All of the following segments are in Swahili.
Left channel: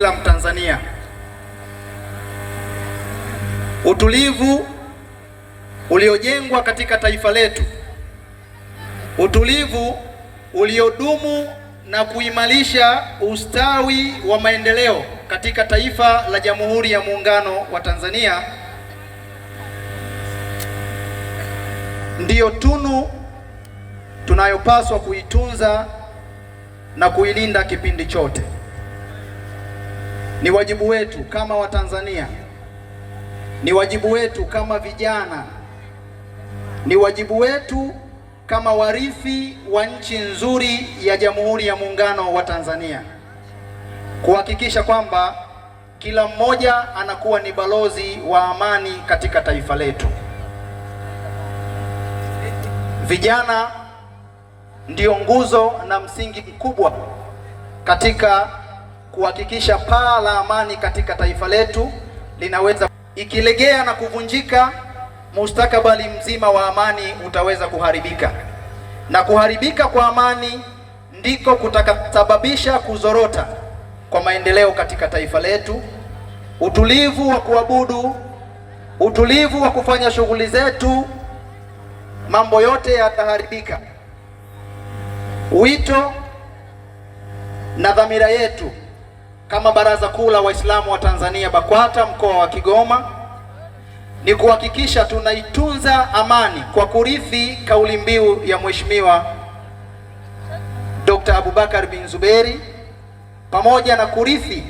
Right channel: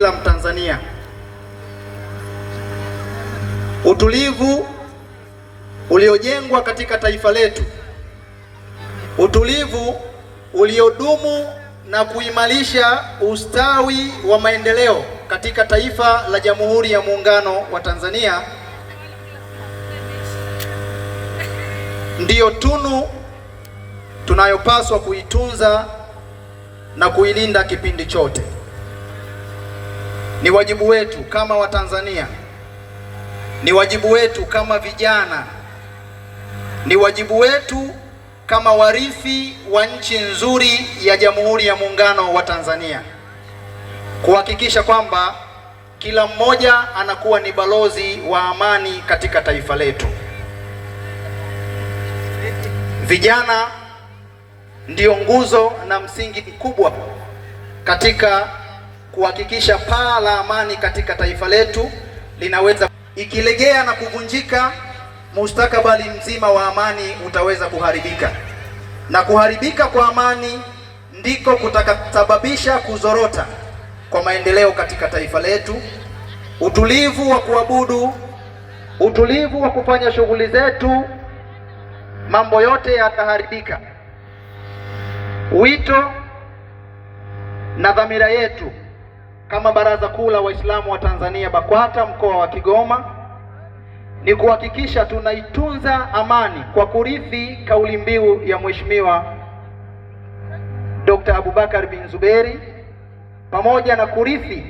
la Mtanzania. Utulivu uliojengwa katika taifa letu, utulivu uliodumu na kuimarisha ustawi wa maendeleo katika taifa la Jamhuri ya Muungano wa Tanzania ndiyo tunu tunayopaswa kuitunza na kuilinda kipindi chote. Ni wajibu wetu kama Watanzania, ni wajibu wetu kama vijana, ni wajibu wetu kama warithi wa nchi nzuri ya Jamhuri ya Muungano wa Tanzania kuhakikisha kwamba kila mmoja anakuwa ni balozi wa amani katika taifa letu. Vijana ndio nguzo na msingi mkubwa katika kuhakikisha paa la amani katika taifa letu linaweza. Ikilegea na kuvunjika, mustakabali mzima wa amani utaweza kuharibika, na kuharibika kwa amani ndiko kutakasababisha kuzorota kwa maendeleo katika taifa letu. Utulivu wa kuabudu, utulivu wa kufanya shughuli zetu, mambo yote yataharibika. Wito na dhamira yetu kama Baraza Kuu la Waislamu wa Tanzania BAKWATA mkoa wa Kigoma ni kuhakikisha tunaitunza amani kwa kurithi kauli mbiu ya Mheshimiwa Dr. Abubakar bin Zuberi, pamoja na kurithi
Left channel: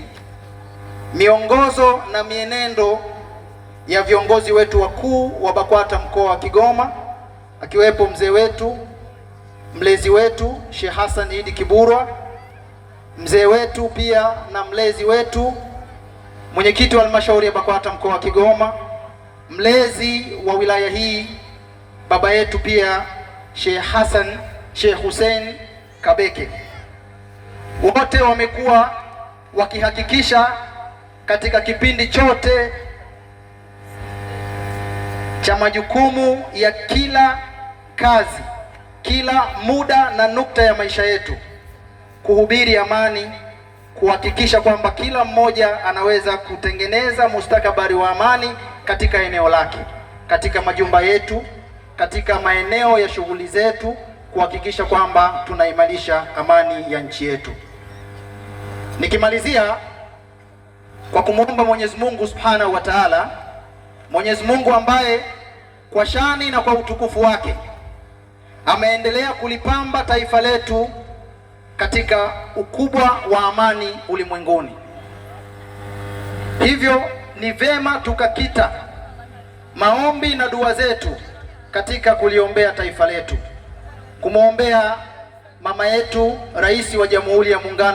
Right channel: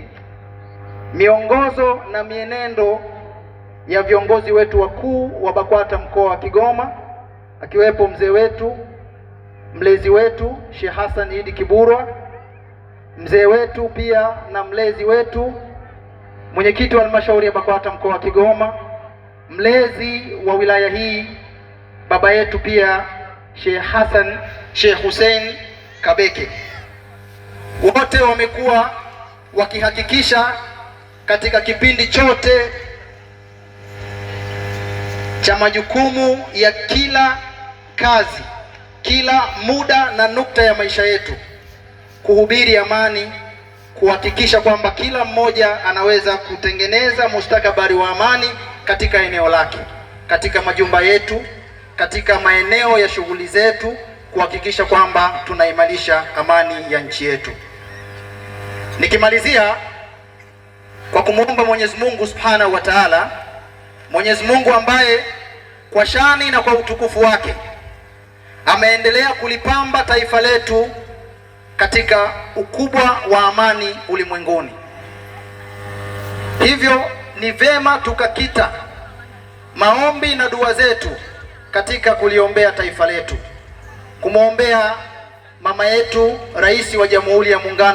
miongozo na mienendo ya viongozi wetu wakuu wa BAKWATA mkoa wa Kigoma, akiwepo mzee wetu, mlezi wetu Sheikh Hassan Idi Kiburwa, mzee wetu pia na mlezi wetu, mwenyekiti wa halmashauri ya BAKWATA mkoa wa Kigoma, mlezi wa wilaya hii baba yetu pia Sheikh Hussein Kabeke. Wote wamekuwa wakihakikisha katika kipindi chote cha majukumu ya kila kazi, kila muda na nukta ya maisha yetu, kuhubiri amani, kuhakikisha kwamba kila mmoja anaweza kutengeneza mustakabali wa amani katika eneo lake, katika majumba yetu, katika maeneo ya shughuli zetu, kuhakikisha kwamba tunaimarisha amani ya nchi yetu. Nikimalizia kwa kumwomba Mwenyezi Mungu Subhanahu wa Ta'ala, Mwenyezi Mungu ambaye kwa shani na kwa utukufu wake ameendelea kulipamba taifa letu katika ukubwa wa amani ulimwenguni. Hivyo ni vema tukakita maombi na dua zetu katika kuliombea taifa letu, kumwombea mama yetu Rais wa Jamhuri ya Muungano